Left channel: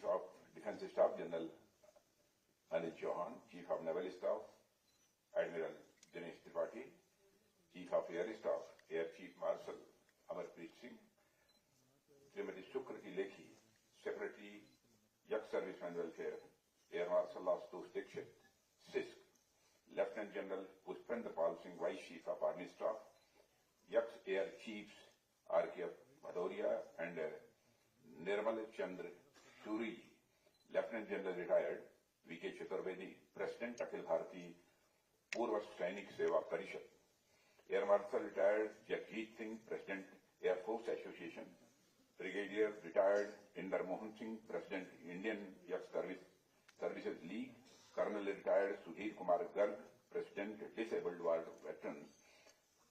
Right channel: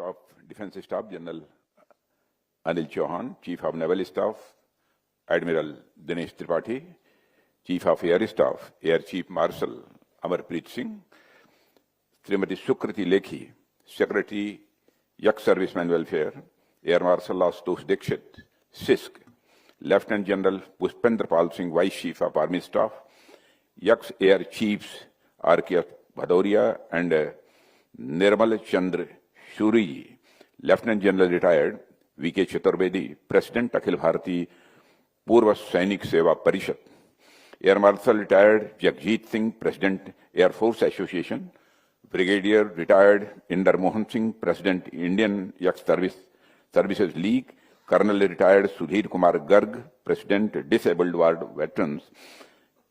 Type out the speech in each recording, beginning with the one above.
of Defence Staff General Anil Chauhan, Chief of Naval Staff Admiral Dinesh Tripathi, Chief of Air Staff Air Chief Marshal Amarpreet Singh, Srimati Sukriti Lekhi, Secretary Young Servicemen Welfare, Air Marshal Ashutosh Dixit, CISC, Lieutenant General Pushpendra Pal Singh, Vice Chief of Army Staff, Young Air Chiefs R.K. Bhadoria and Nirmal Chandra Shuri, Lieutenant General Retired V.K. Chaturvedi, President Akhil Bharati Purva Sainik Seva Parishad, Air Marshal Retired Jagjit Singh, President Air Force Association, Brigadier Retired Inder Mohan Singh, President Indian Youth Services League, Colonel Retired Sudhir Kumar Garg, President Disabled Ward Veterans,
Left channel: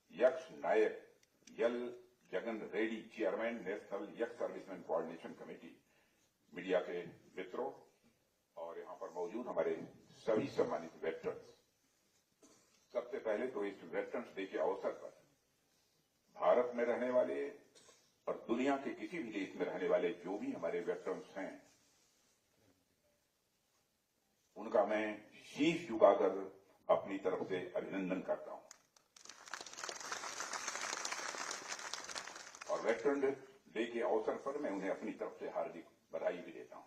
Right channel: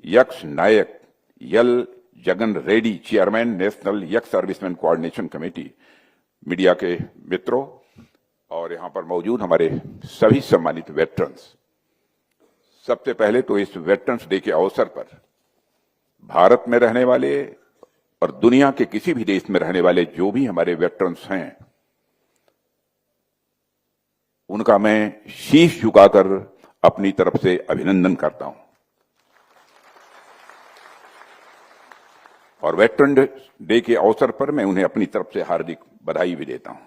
Yaks Nayak Yal Jagan Reddy, Chairman National Youth Servicemen Coordination Committee, media के मित्रों और यहाँ पर मौजूद हमारे सभी सम्मानित veterans, सबसे पहले तो इस वेटरन्स डे के अवसर पर भारत में रहने वाले और दुनिया के किसी भी देश में रहने वाले जो भी हमारे वेटरन्स हैं, उनका मैं शीश झुकाकर अपनी तरफ से अभिनंदन करता हूं और वेटरन डे के अवसर पर मैं उन्हें अपनी तरफ से हार्दिक बधाई भी देता हूं।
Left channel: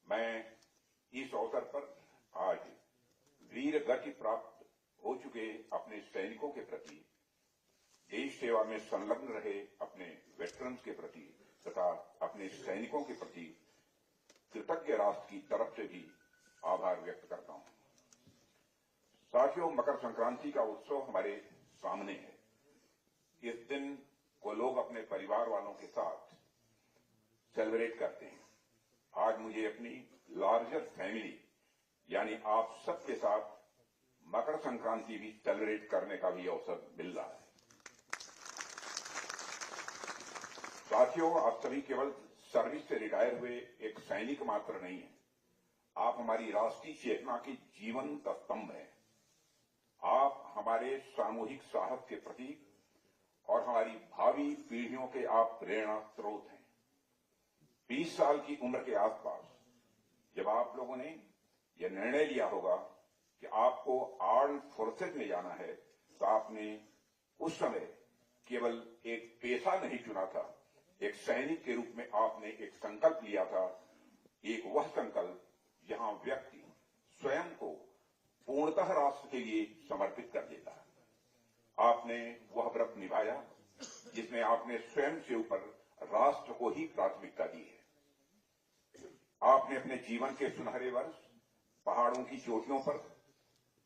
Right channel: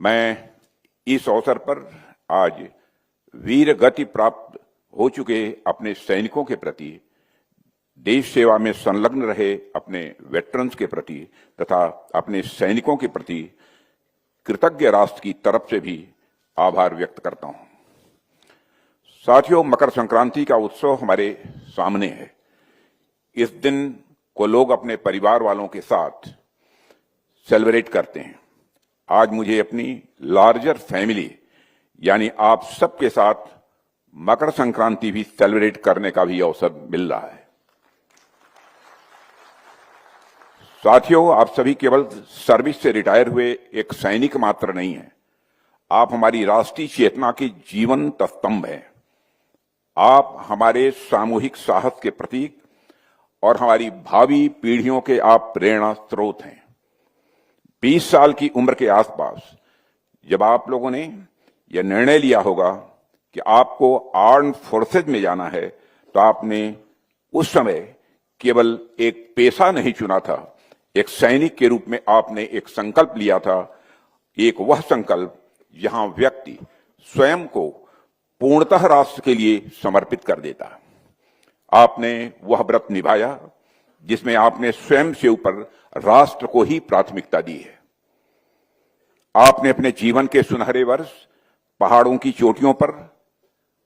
मैं इस अवसर पर आज वीर गति प्राप्त हो चुके अपने सैनिकों के प्रति, देश सेवा में संलग्न रहे अपने वेटरन्स के प्रति तथा अपने सैनिकों के प्रति कृतज्ञ राष्ट्र की तरफ से भी आभार व्यक्त करता हूं। साथियों, मकर संक्रांति का उत्सव हमारे सामने है। इस दिन को लोग अपने परिवार वालों के साथ सेलिब्रेट करते हैं। आज मुझे अपनी लार्जर फैमिली यानी आप सबके साथ मकर संक्रांति भी सेलिब्रेट करने का भी अवसर मिल रहा है। साथियों, आप सभी केवल सर्विस से रिटायर हुए एक सैनिक मात्र नहीं हैं, आप हमारी राष्ट्रीय चेतना के जीवंत स्तंभ हैं। आप हमारे सामूहिक साहस के प्रतीक और हमारी भावी पीढ़ियों के आप प्रेरणा स्रोत हैं। 20 साल की उम्र के आसपास जब आप लोगों ने यह निर्णय लिया होगा कि आपको आर्म्ड फोर्सेज में जाना है, तो आपने उस समय केवल एक पेशा नहीं चुना था, एक सैनिक के रूप में आपने एक संकल्प लिया था। एक वह संकल्प जहां व्यक्ति स्वयं को पूर्णतः राष्ट्र के लिए समर्पित कर देता। आपने वह व्रत निभाया जिसमें आपने स्वयं से ऊपर राष्ट्र को ही प्राथमिकता दी है। आपने अपने जीवन के सुनहरे वर्ष पहाड़ों की चोटियों पर,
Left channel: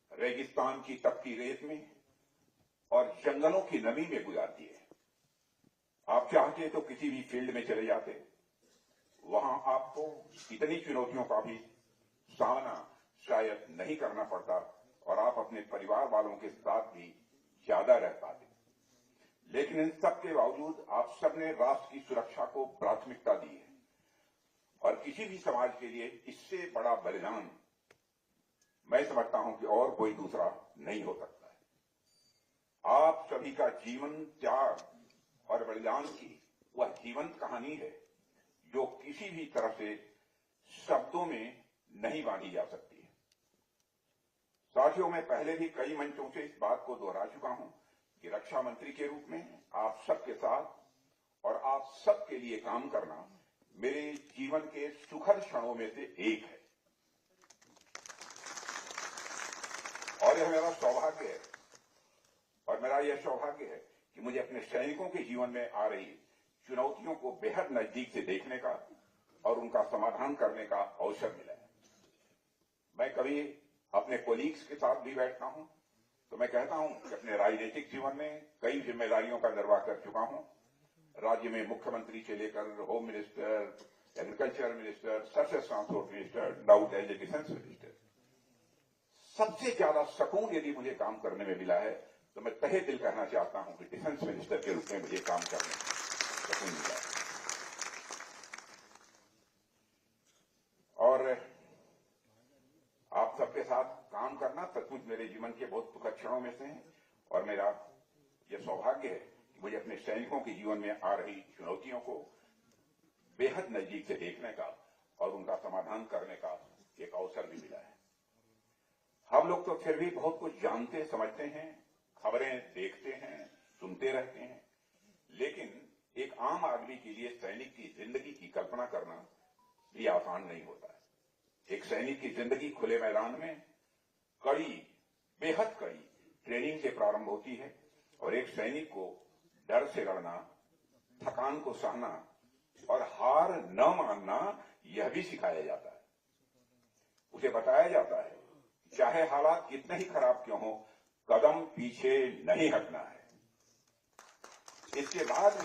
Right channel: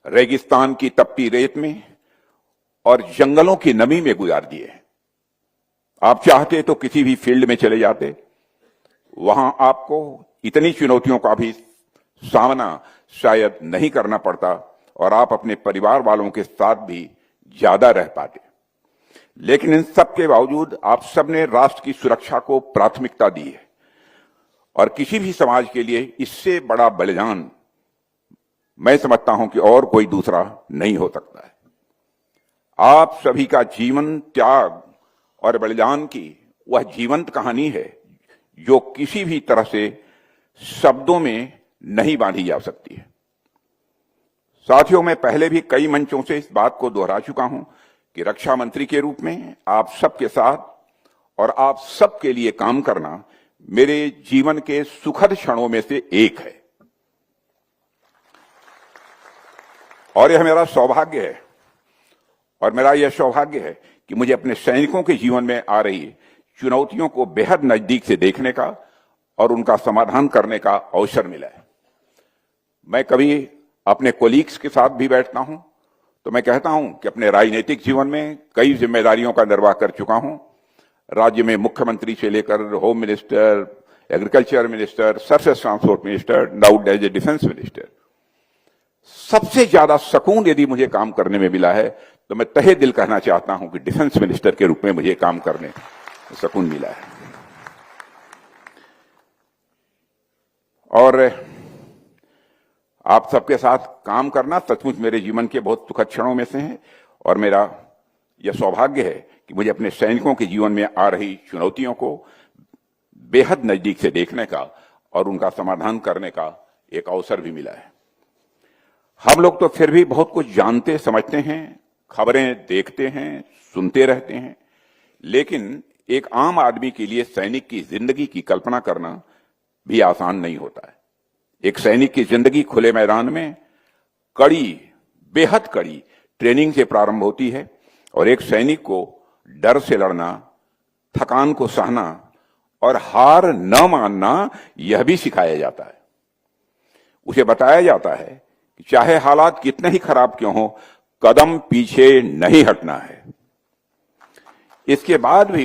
रेगिस्तान की तपती रेत में और जंगलों की नमी में गुजार दिए। आप चाहते तो किसी भी फील्ड में चले जाते, वहां आपको इतनी चुनौतियों का भी सामना शायद नहीं करना पड़ता और आप अपने परिवार वालों के साथ भी ज्यादा रह पाते। लेकिन इन सब के बावजूद आप सबने राष्ट्र की सुरक्षा को प्राथमिकता दी है और किसी भी समाज के लिए इससे बड़ा बलिदान मैं समझता हूं कि और कोई दूसरा नहीं हो सकता है। आप सभी का जीवन, त्याग और बलिदान की वह जीवंत कहानी है जो किसी भी तरह से शब्दों में नहीं बांधी जा सकती है। साथियों, मैं पहले भी कई मंचों से इस बात को दोहरा चुका हूं कि रक्षा मंत्री के रूप में आप सबके साथ और आप सबके लिए काम करना मेरे जीवन के सुखद क्षणों में से एक है और यह मेरा सौभाग्य है और मेरा यह सौभाग्य है कि मुझे अपने सैनिकों के जीवन में आ रही चुनौतियों को बेहद नजदीक से देखने का और उनका समाधान करने का अवसर मिला है। मैं कभी अपने कोलीग्स के साथ भी बैठता हूं तो मैं कहता हूं कि अपने राजनीतिक जीवन में कई जिम्मेदारियों का निर्वाह कर चुका हूं। राज्य में मुख्यमंत्री से लेकर home minister, agriculture minister, surface transport minister, now as a defence minister. सबसे ज्यादा सुकून यदि मुझे काम करने में मिला है तो मैं तहे दिल कहना चाहता हूं कि डिफेंस मिनिस्टर के रूप में मुझे काम करने में सुकून मिला है। और आप सबके साथ काम करना सचमुच मेरे जीवन के बहुत सुखद क्षणों में से है और मेरा यह सौभाग्य है कि मुझे अपने सैनिकों के जीवन में आ रही चुनौतियों को बेहद नजदीक से देखने का और उनका समाधान करने का एक अवसर भी मिला है। हम लोग तो फिर भी बहुत कुछ जानते समझते हैं, खबरें देखते हैं, सुनते रहते हैं, लेकिन एक आम आदमी के लिए सैनिक की जिंदगी की कल्पना करना भी आसान नहीं होता है। एक सैनिक की जिंदगी खुले मैदान में कड़ी, बेहद कड़ी ट्रेनिंग से प्रारंभ होती है और एक सैनिक को डर से लड़ना, थकान को सहना और हार न मानना यह भी सिखाया जाता है। उसे बताया जाता है कि चाहे हालात कितने ही खराब क्यों हो, कदम पीछे नहीं हटना है। इसके बाद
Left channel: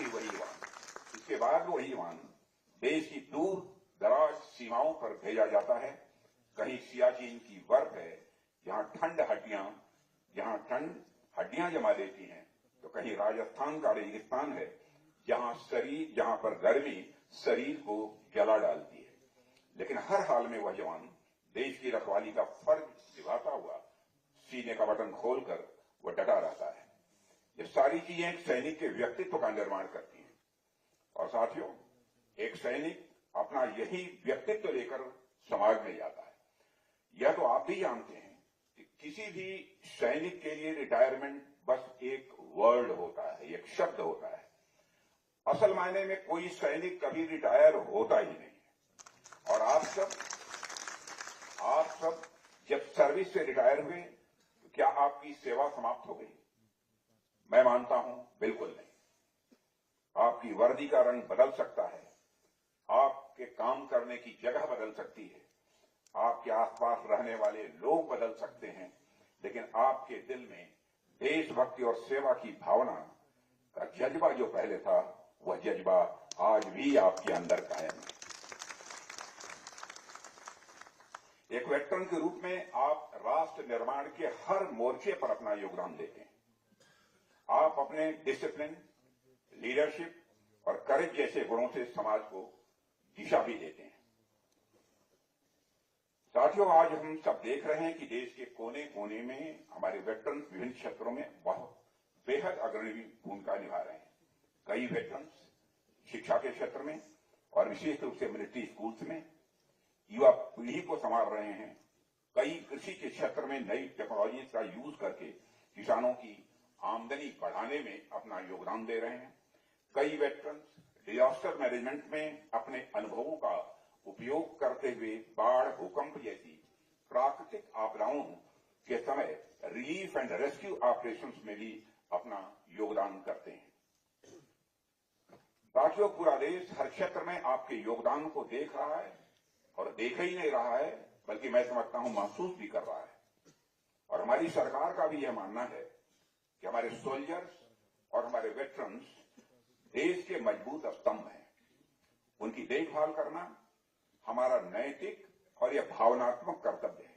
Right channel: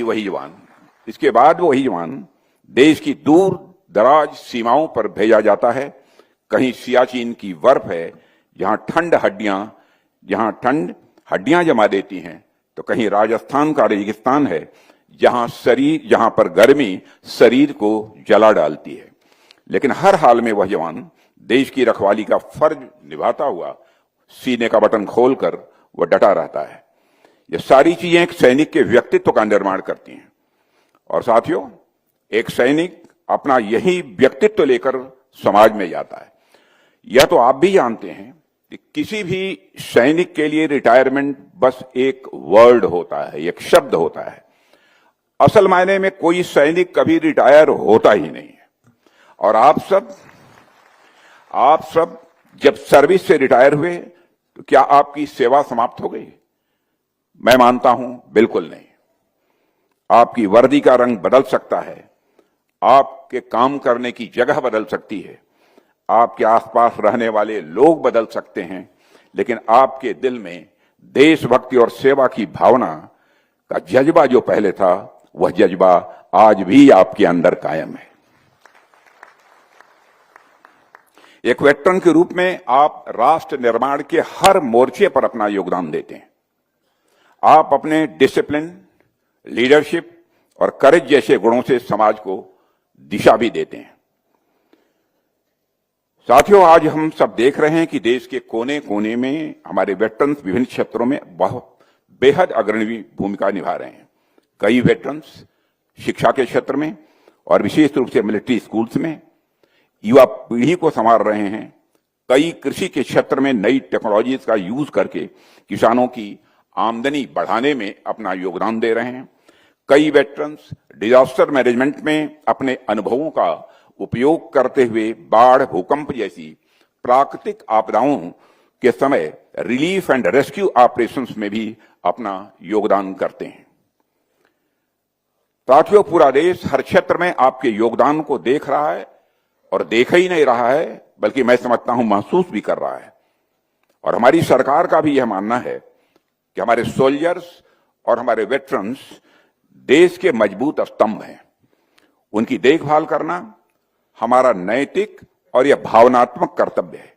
वही जवान देश की दूर दराज सीमाओं पर भेजा जाता है। कहीं सियाचिन की बर्फ है जहां ठंड हड्डियां जमा देती हैं, तो कहीं राजस्थान का रेगिस्तान है जहां पर गर्मी शरीर को जला डालती है। लेकिन हर हाल में वह जवान देश की रखवाली का फर्ज निभाता हुआ सीने का बटन खोलकर वह डटा रहता है। ये सारी चीजें एक सैनिक के व्यक्तित्व का निर्माण करती हैं। और साथियों, एक सैनिक अपना यही व्यक्तित्व लेकर समाज में जाता है। यह तो आप भी जानते हैं कि किसी भी सैनिक के लिए रिटायरमेंट बस एक वर्ड होता है, एक शब्द होता है। असल मायने में कोई सैनिक कभी रिटायर होता ही नहीं है। और आप सब जब सर्विस से रिटायर हुए तो क्या आपकी सेवा समाप्त हो गई? मैं मानता हूं बिल्कुल नहीं। आपकी वर्दी का रंग बदल सकता है, आपके काम करने की जगह बदल सकती है, आपके आसपास रहने वाले लोग बदल सकते हैं, लेकिन आपके दिल में देशभक्ति और सेवा की भावना का जज्बा जो पहले था, वह जज्बा आज भी आपके अंदर कायम है। एक वेटरन के रूप में आप राष्ट्र निर्माण के हर मोर्चे पर अपना योगदान देते हैं। आप अपने डिसिप्लिन, लीडरशिप और करेज जैसे गुणों से समाज को दिशा भी देते हैं। साथियों, आज हम सब देख रहे हैं कि देश के कोने कोने में हमारे वेटरन्स विभिन्न क्षेत्रों में बहुत बेहद अग्रणी भूमिका निभा रहे हैं। कई वेटरन्स शिक्षा के क्षेत्र में और विशेष रूप से मिलिट्री स्कूल्स में युवा पीढ़ी को संभाल रहे हैं। कई कृषि के क्षेत्र में नई टेक्नोलॉजीज का यूज करके किसानों की आमदनी बढ़ाने में अपना योगदान दे रहे हैं। कई वेटरन्स डिजास्टर मैनेजमेंट में अपने अनुभवों का उपयोग करते हुए बाढ़, भूकंप जैसी प्राकृतिक आपदाओं के समय रिलीफ एंड रेस्क्यू ऑपरेशंस में भी अपना योगदान करते हैं। साथियों, पूरा देश हर क्षेत्र में आपके योगदान को देख रहा है और देख ही नहीं रहा है, बल्कि मैं समझता हूं महसूस भी कर रहा है। और हमारी सरकार का भी यह मानना है कि हमारे सोल्जर्स और हमारे वेटरन्स देश के मजबूत स्तंभ हैं। उनकी देखभाल करना हमारा नैतिक और यह भावनात्मक कर्तव्य है।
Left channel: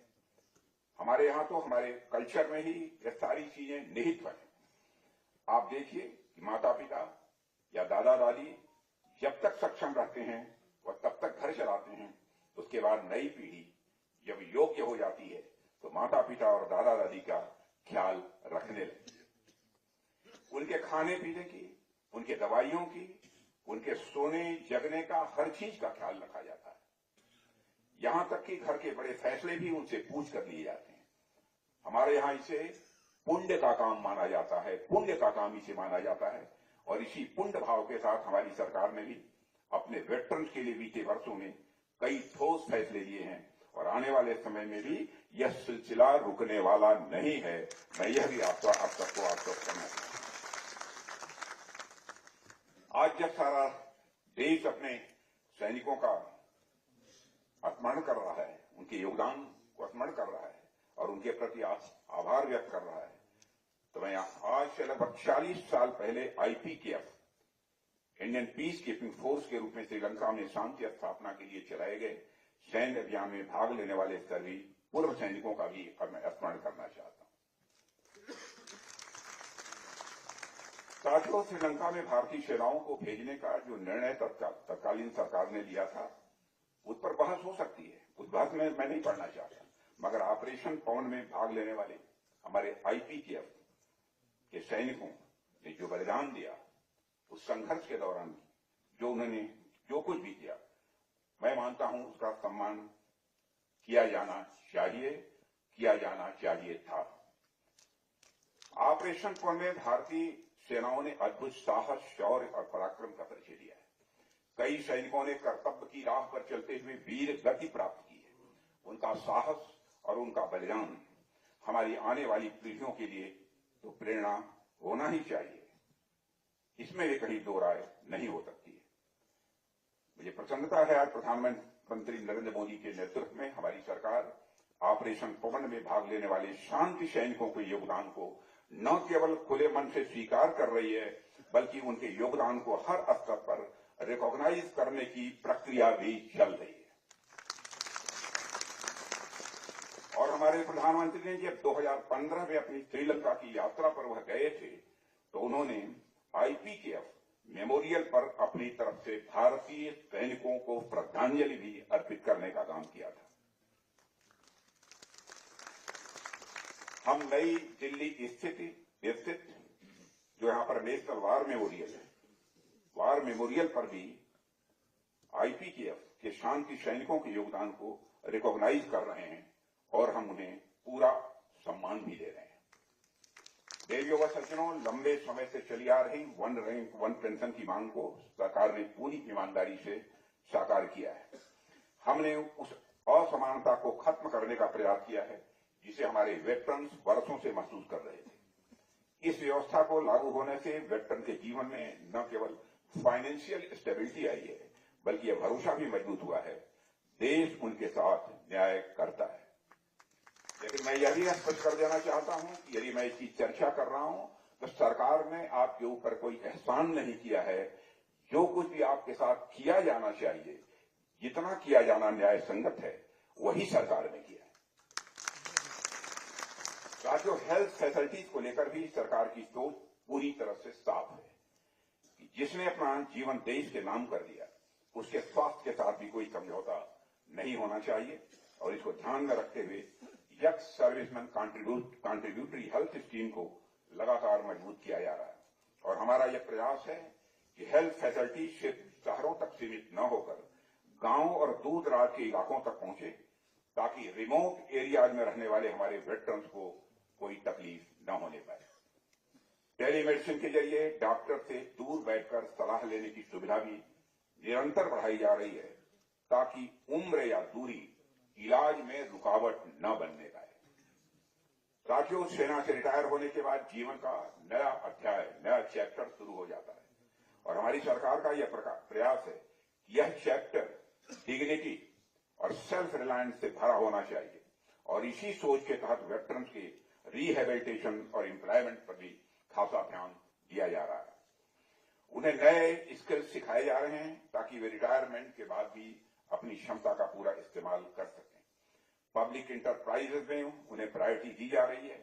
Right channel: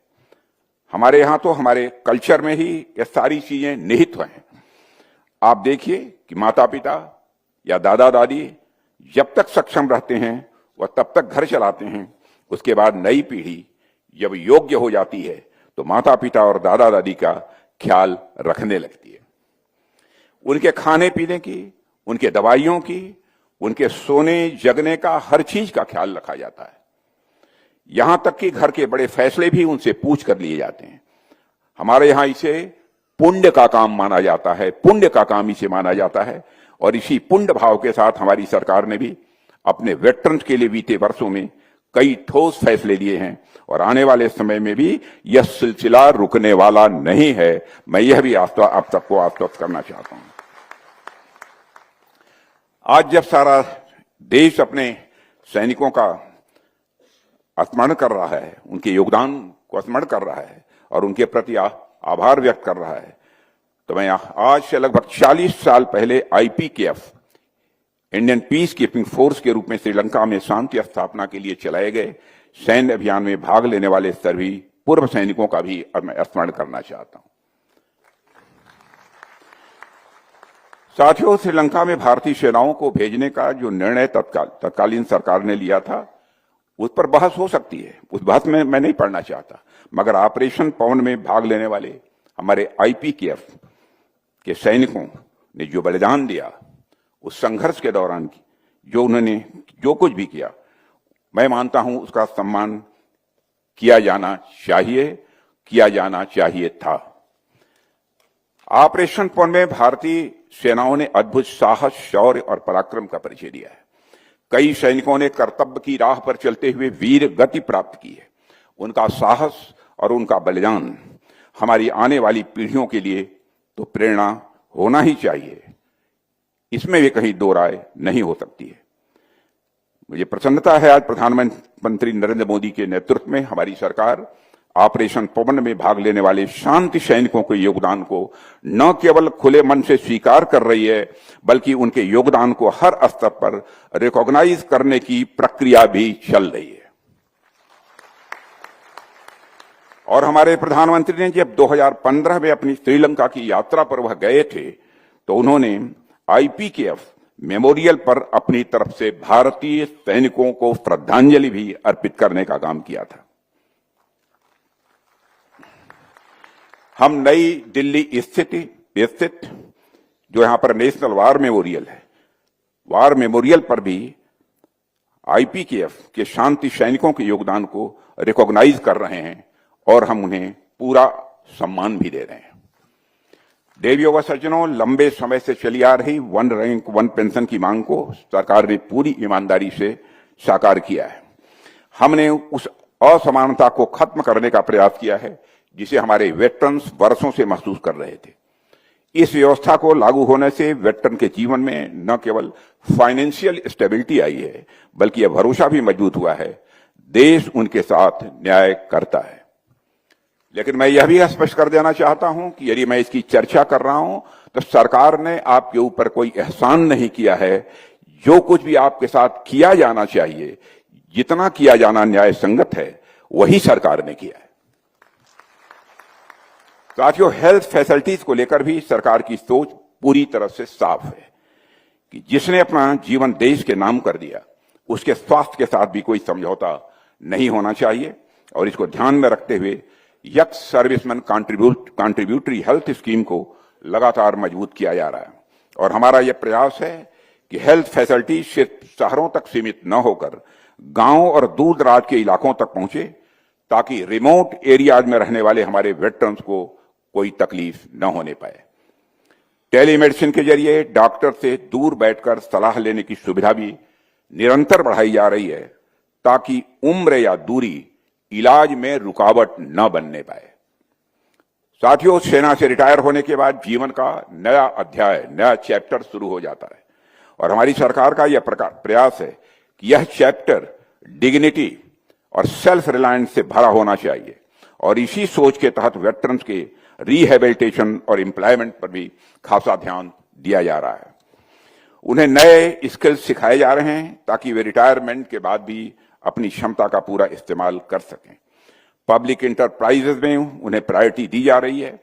हमारे यहां तो हमारे कल्चर में ही ये सारी चीजें निहित हैं। आप देखिए कि माता पिता या दादा दादी जब तक सक्षम रहते हैं वह तब तक घर चलाते हैं। उसके बाद नई पीढ़ी जब योग्य हो जाती है तो माता पिता और दादा दादी का ख्याल रखने लगती है। उनके खाने पीने की, उनके दवाइयों की, उनके सोने जगने का, हर चीज का ख्याल रखा जाता है। यहां तक कि घर के बड़े फैसले भी उनसे पूछ कर लिए जाते हैं। हमारे यहां इसे पुण्य का काम माना जाता है, पुण्य का काम इसे माना जाता है। और इसी पुण्य भाव के साथ हमारी सरकार ने भी अपने वेटरन्स के लिए बीते वर्षों में कई ठोस फैसले लिए हैं और आने वाले समय में भी यह सिलसिला रुकने वाला नहीं है। मैं यह भी आप सबको आश्वस्त करना चाहता हूं। आज जब सारा देश अपने सैनिकों का स्मरण कर रहा है, उनके योगदान को स्मरण कर रहा है और उनके प्रति आभार व्यक्त कर रहा है, तो मैं आज से लगभग 40 साल पहले IPKF, Indian peace keeping force के रूप में श्रीलंका में शांति स्थापना के लिए चलाए गए सैन्य अभियान में भाग लेने वाले सभी पूर्व सैनिकों का भी मैं स्मरण करना चाहता हूं। साथियों, श्रीलंका में भारतीय सेनाओं को भेजने का जो निर्णय तत्कालीन सरकार ने लिया था, उस पर बहस हो सकती है, उस बहस में मैं नहीं पढ़ना चाहता। मगर ऑपरेशन पवन में भाग लेने वाले हमारे IPKF के सैनिकों ने जो बलिदान दिया, उस संघर्ष के दौरान जो उन्होंने जो कुछ भी किया, मैं मानता हूं उसका सम्मान किया जाना चाहिए था। ऑपरेशन पूर्ण में भारतीय सेनाओं ने अद्भुत साहस, शौर्य और पराक्रम का परिचय दिया है। कई सैनिकों ने कर्तव्य की राह पर चलते हुए वीर गति प्राप्त की है। उनका साहस और उनका बलिदान हमारी आने वाली पीढ़ियों के लिए तो प्रेरणा होना ही चाहिए, इसमें भी कहीं दो राय नहीं हो सकती है। मुझे प्रसन्नता है आज प्रधानमंत्री नरेंद्र मोदी के नेतृत्व में हमारी सरकार ऑपरेशन पवन में भाग लेने वाले शांति सैनिकों के योगदान को न केवल खुले मन से स्वीकार कर रही है, बल्कि उनके योगदान को हर स्तर पर रिकॉग्नाइज करने की प्रक्रिया भी चल रही है। और हमारे प्रधानमंत्री ने जब 2015 में अपनी श्रीलंका की यात्रा पर वह गए थे, तो उन्होंने IPKF मेमोरियल पर अपनी तरफ से भारतीय सैनिकों को श्रद्धांजलि भी अर्पित करने का काम किया था। हम नई दिल्ली स्थित जो यहां पर नेशनल वार मेमोरियल है, वार मेमोरियल पर भी IPKF के शांति सैनिकों के योगदान को रिकॉग्नाइज कर रहे हैं और हम उन्हें पूरा सम्मान भी दे रहे हैं। देवियों व सज्जनों, लंबे समय से चली आ रही 1 रैंक 1 पेंशन की मांग को सरकार ने पूरी ईमानदारी से साकार किया है। हमने उस असमानता को खत्म करने का प्रयास किया है जिसे हमारे वेटरन्स वर्षों से महसूस कर रहे थे। इस व्यवस्था को लागू होने से वेटरन के जीवन में न केवल फाइनेंशियल स्टेबिलिटी आई है, बल्कि यह भरोसा भी मजबूत हुआ है, देश उनके साथ न्याय करता है। लेकिन मैं यह भी स्पष्ट कर देना चाहता हूं कि यदि मैं इसकी चर्चा कर रहा हूं तो सरकार ने आपके ऊपर कोई एहसान नहीं किया है। जो कुछ भी आपके साथ किया जाना चाहिए, जितना किया जाना न्याय संगत है, वही सरकार ने किया है। साथियों, हेल्थ फैसिलिटीज को लेकर भी सरकार की सोच पूरी तरह से साफ है कि जिसने अपना जीवन देश के नाम कर दिया, उसके स्वास्थ्य के साथ भी कोई समझौता नहीं होना चाहिए। और इसको ध्यान में रखते हुए x serviceman contributory health scheme को लगातार मजबूत किया जा रहा है। और हमारा यह प्रयास है कि हेल्थ फैसिलिटी सिर्फ शहरों तक सीमित न होकर गांव और दूर दराज के इलाकों तक पहुंचे, ताकि रिमोट एरियाज में रहने वाले हमारे वेटरन्स को कोई तकलीफ न होने पाए। टेलीमेडिसिन के जरिए डॉक्टर से दूर बैठकर सलाह लेने की सुविधा भी निरंतर बढ़ाई जा रही है, ताकि उम्र या दूरी इलाज में रुकावट न बनने पाए। साथियों, सेना से रिटायर होने के बाद जीवन का नया अध्याय, नया चैप्टर शुरू हो जाता है और हमारी सरकार का यह प्रयास है कि यह चैप्टर डिग्निटी और सेल्फ रिलायंस से भरा होना चाहिए। और इसी सोच के तहत वेटरन्स के रिहेबिलिटेशन और एम्प्लॉयमेंट पर भी खासा ध्यान दिया जा रहा है। उन्हें नए स्किल्स सिखाए जा रहे हैं ताकि वे रिटायरमेंट के बाद भी अपनी क्षमता का पूरा इस्तेमाल कर सकें। पब्लिक इंटरप्राइजेज में उन्हें प्रायोरिटी दी जा रही है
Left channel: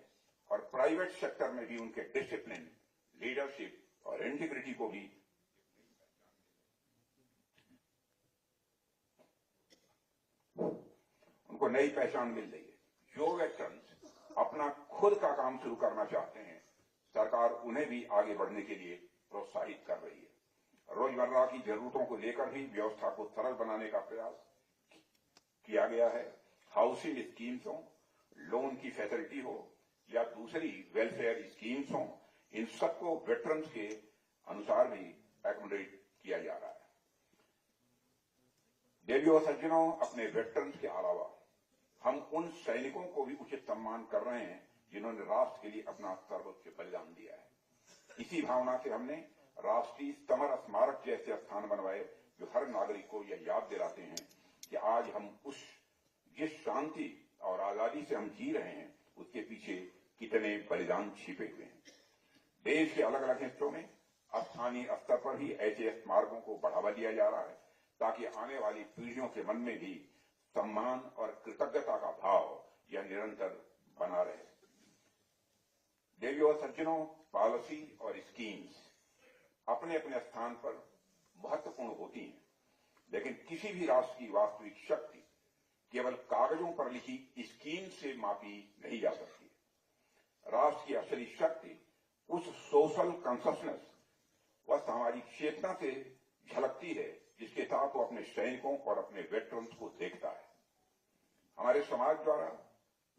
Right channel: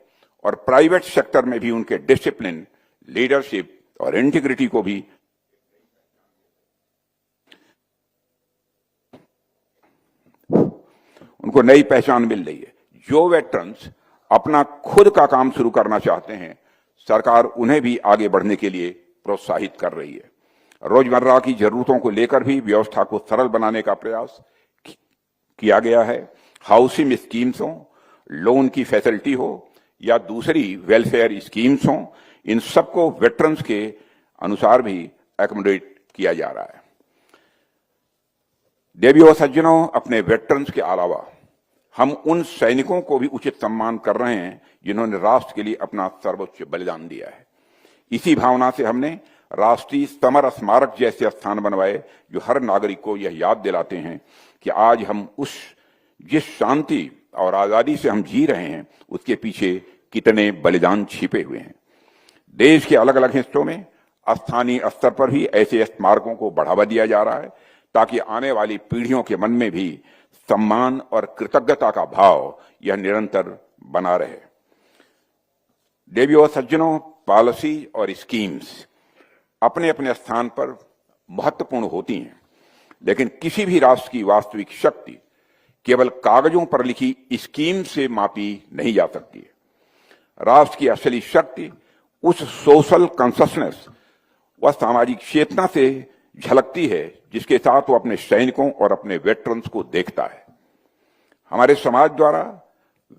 और प्राइवेट सेक्टर में भी उनके डिसिप्लिन, लीडरशिप और इंटीग्रिटी को भी उनको नई पहचान मिल रही है। जो वेटरन्स अपना खुद का काम शुरू करना चाहते हैं, सरकार उन्हें भी आगे बढ़ने के लिए प्रोत्साहित कर रही है। रोजमर्रा की जरूरतों को लेकर भी व्यवस्था को सरल बनाने का प्रयास किया गया है। हाउसिंग स्कीम्स हो, लोन की फैसिलिटी हो या दूसरी वेलफेयर स्कीम्स हो, इन सबको वेटरन्स के अनुसार भी एकोमोडेट किया जा रहा है। देवियों सज्जनों, अपने वेटरन्स के अलावा हम उन सैनिकों को भी उचित सम्मान कर रहे हैं जिन्होंने राष्ट्र के लिए अपना सर्वोच्च बलिदान दिया है। इसी भावना से हमने राष्ट्रीय समर स्मारक जैसे स्थान बनवाए जो हर नागरिक को यह याद दिलाते हैं कि आज हम जिस शांति और आजादी से हम जी रहे हैं, उसके पीछे कितने बलिदान छिपे हुए हैं। देश के अलग अलग हिस्सों में स्थानीय स्तर पर भी ऐसे स्मारकों को बढ़ावा दिया जा रहा है ताकि आने वाली पीढ़ियों के मन में भी सम्मान और कृतज्ञता का भाव यह निरंतर बना रहे। देवियों सज्जनों, पॉलिसी और स्कीम्स अपने अपने स्थान पर महत्वपूर्ण होती हैं, लेकिन किसी भी राष्ट्र की वास्तविक शक्ति केवल कागजों पर लिखी स्कीम से मापी नहीं जा सकती है। राष्ट्र की असली शक्ति उस सोशल कॉन्शसनेस व सामाजिक चेतना से झलकती है जिसके साथ वो अपने सैनिकों और अपने वेटरन्स को देखता है। हमारे समाज द्वारा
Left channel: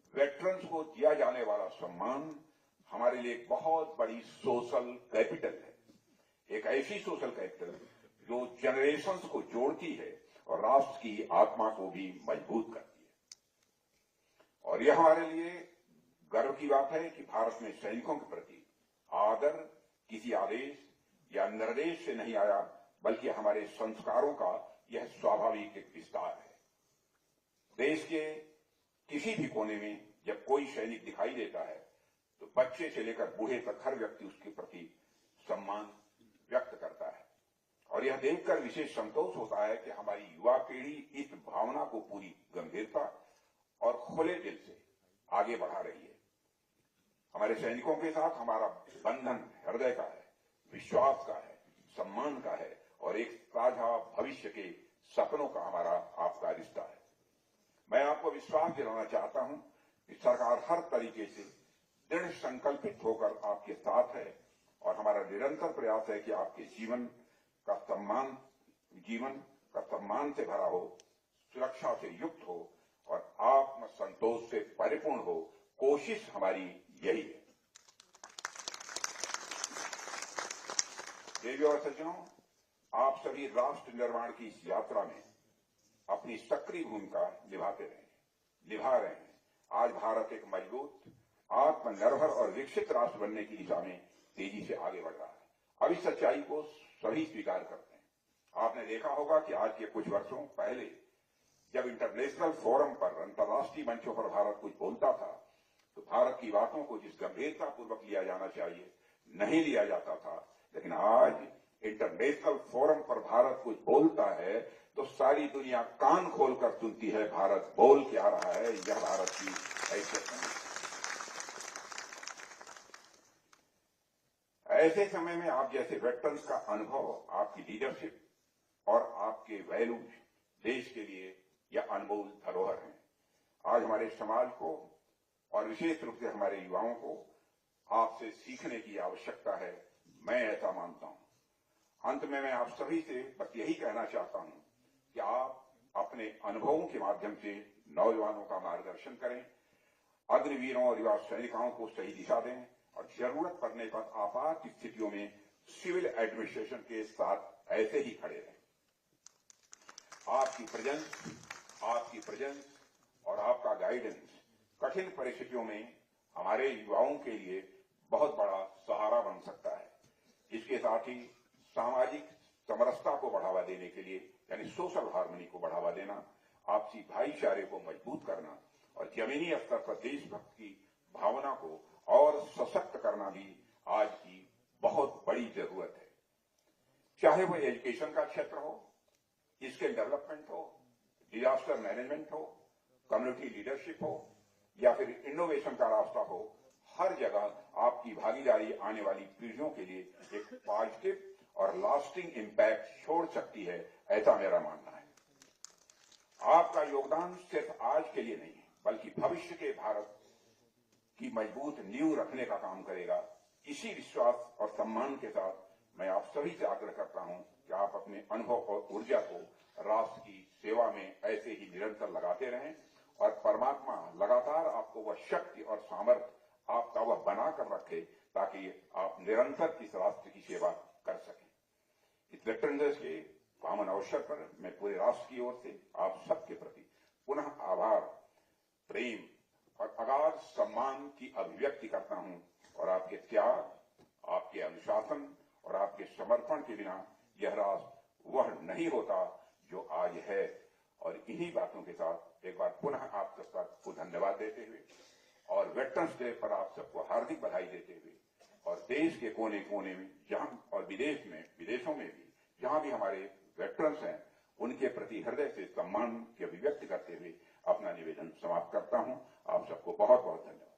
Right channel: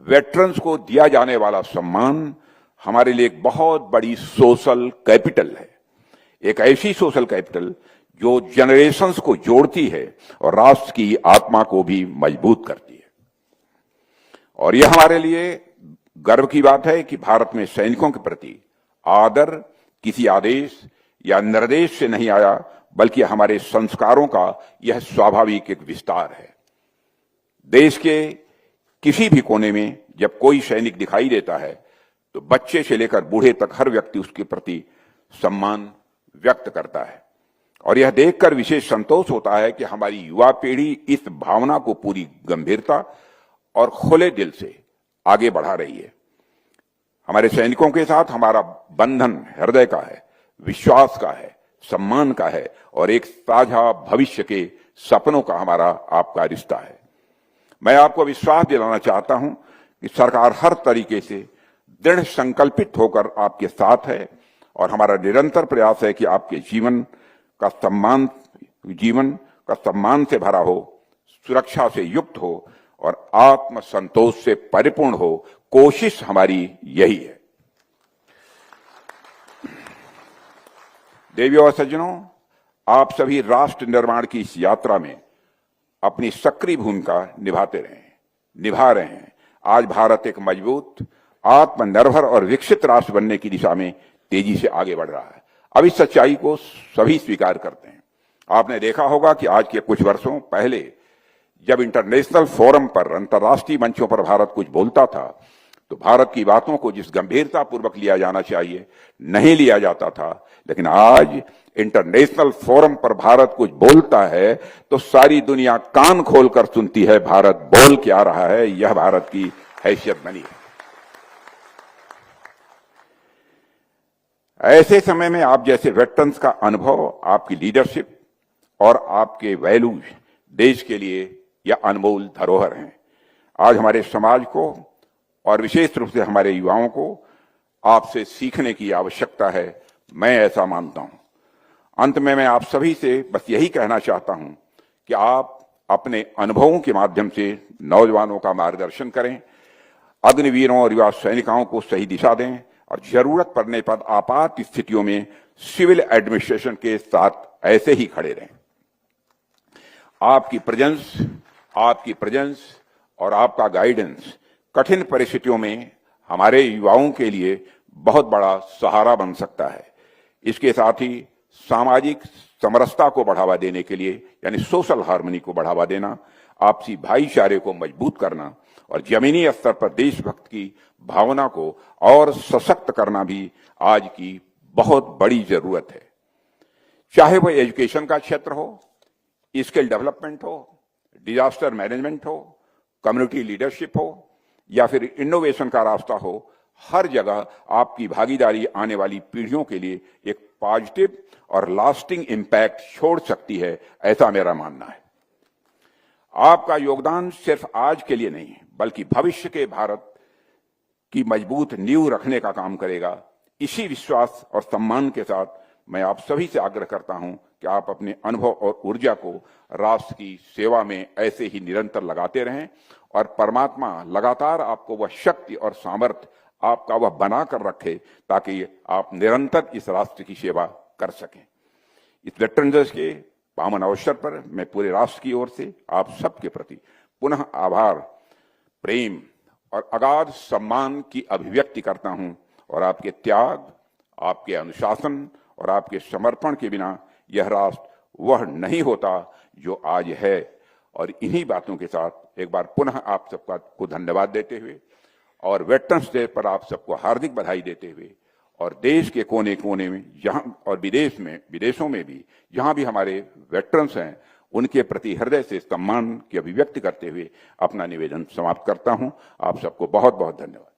वेटरन्स को दिया जाने वाला सम्मान हमारे लिए एक बहुत बड़ी सोशल कैपिटल है, एक ऐसी सोशल कैपिटल जो जनरेशंस को जोड़ती है और राष्ट्र की आत्मा को भी मजबूत करती है। और यह हमारे लिए गर्व की बात है कि भारत में सैनिकों के प्रति आदर किसी आदेश या निर्देश से नहीं आया, बल्कि हमारे संस्कारों का यह स्वाभाविक एक विस्तार है। देश के किसी भी कोने में जब कोई सैनिक दिखाई देता है तो बच्चे से लेकर बूढ़े तक हर व्यक्ति उसके प्रति सम्मान व्यक्त करता है। और यह देखकर विशेष संतोष होता है कि हमारी युवा पीढ़ी इस भावना को पूरी गंभीरता और खुले दिल से आगे बढ़ा रही है। हमारे सैनिकों के साथ हमारा बंधन हृदय का है, विश्वास का है, सम्मान का है और एक साझा भविष्य के सपनों का हमारा आपका रिश्ता है। मैं आपको विश्वास दिलाना चाहता हूं कि सरकार हर तरीके से दृढ़ संकल्पित होकर आपके साथ है और हमारा निरंतर प्रयास है कि आपके जीवन का सम्मान से भरा हो, सुरक्षा से युक्त हो और आत्मसंतोष से परिपूर्ण हो। कोशिश हमारी यही है। देवियों और सज्जनों, आप सभी राष्ट्र निर्माण की इस यात्रा में अपनी सक्रिय भूमिका निभा रहे हैं। आज भारत एक मजबूत, आत्मनिर्भर और विकसित राष्ट्र बनने की दिशा में तेजी से आगे बढ़ रहा है। अब इस सच्चाई को सभी स्वीकार करते हैं। आपने देखा होगा कि आज के कुछ वर्षों पहले जब इंटरनेशनल फोरम पर, अंतर्राष्ट्रीय मंचों पर भारत कुछ बोलता था तो भारत की बातों को जिस गंभीरता पूर्वक लिया जाना चाहिए नहीं लिया जाता था, लेकिन आज इंटरनेशनल फोरम पर भारत कुछ बोलता है तो सारी दुनिया कान खोलकर सुनती है भारत बोल क्या रहा है। यह भारत की हैसियत बनी है। ऐसे समय में आप जैसे वेटरन्स का अनुभव, आपकी लीडरशिप और आपके वैल्यूज देश के लिए यह अनमोल धरोहर हैं। आज हमारे समाज को और विशेष रूप से हमारे युवाओं को आपसे सीखने की आवश्यकता है। मैं ऐसा मानता हूं। अंत में मैं आप सभी से बस यही कहना चाहता हूं कि आप अपने अनुभवों के माध्यम से नौजवानों का मार्गदर्शन करें, अग्निवीरों और युवा सैनिकों को सही दिशा दें और जरूरत पड़ने पर आपात स्थितियों में सिविल एडमिनिस्ट्रेशन के साथ ऐसे ही खड़े रहें। आपकी प्रेजेंस और आपका गाइडेंस कठिन परिस्थितियों में हमारे युवाओं के लिए बहुत बड़ा सहारा बन सकता है। इसके साथ ही सामाजिक समरसता को बढ़ावा देने के लिए, यानी सोशल हार्मनी को बढ़ावा देना, आपसी भाईचारे को मजबूत करना और जमीनी स्तर पर देशभक्त की भावना को और सशक्त करना भी आज की बहुत बड़ी जरूरत है। चाहे वह एजुकेशन का क्षेत्र हो, स्किल डेवलपमेंट हो, डिजास्टर मैनेजमेंट हो, कम्युनिटी लीडरशिप हो या फिर इनोवेशन का रास्ता हो, हर जगह आपकी भागीदारी आने वाली पीढ़ियों के लिए एक पॉजिटिव और लास्टिंग इम्पैक्ट छोड़ सकती है, ऐसा मेरा मानना है। आपका योगदान सिर्फ आज के लिए नहीं बल्कि भविष्य के भारत की मजबूत नींव रखने का काम करेगा। इसी विश्वास और सम्मान के साथ मैं आप सभी से आग्रह करता हूं कि आप अपने अनुभव और ऊर्जा को राष्ट्र की सेवा में ऐसे ही निरंतर लगाते रहें और परमात्मा लगातार आपको वह शक्ति और सामर्थ्य आपका वह बना कर रखे ताकि आप निरंतर इस राष्ट्र की सेवा कर सकें। इस वेटरन्स डे के पावन अवसर पर मैं पूरे राष्ट्र की ओर से आप सबके प्रति पुनः आभार, प्रेम और अगाध सम्मान की अभिव्यक्ति करता हूं और आपके त्याग, आपके अनुशासन और आपके समर्पण के बिना यह राष्ट्र वह नहीं होता जो आज है। और इन्हीं बातों के साथ एक बार पुनः आप सबका को धन्यवाद देते हुए और वेटरन्स डे पर आप सबको हार्दिक बधाई देते हुए और देश के कोने कोने में जहां और विदेशों में भी जहां भी हमारे वेटरन्स हैं उनके प्रति हृदय से सम्मान की अभिव्यक्ति करते हुए अपना निवेदन समाप्त करता हूं। आप सबको बहुत बहुत धन्यवाद।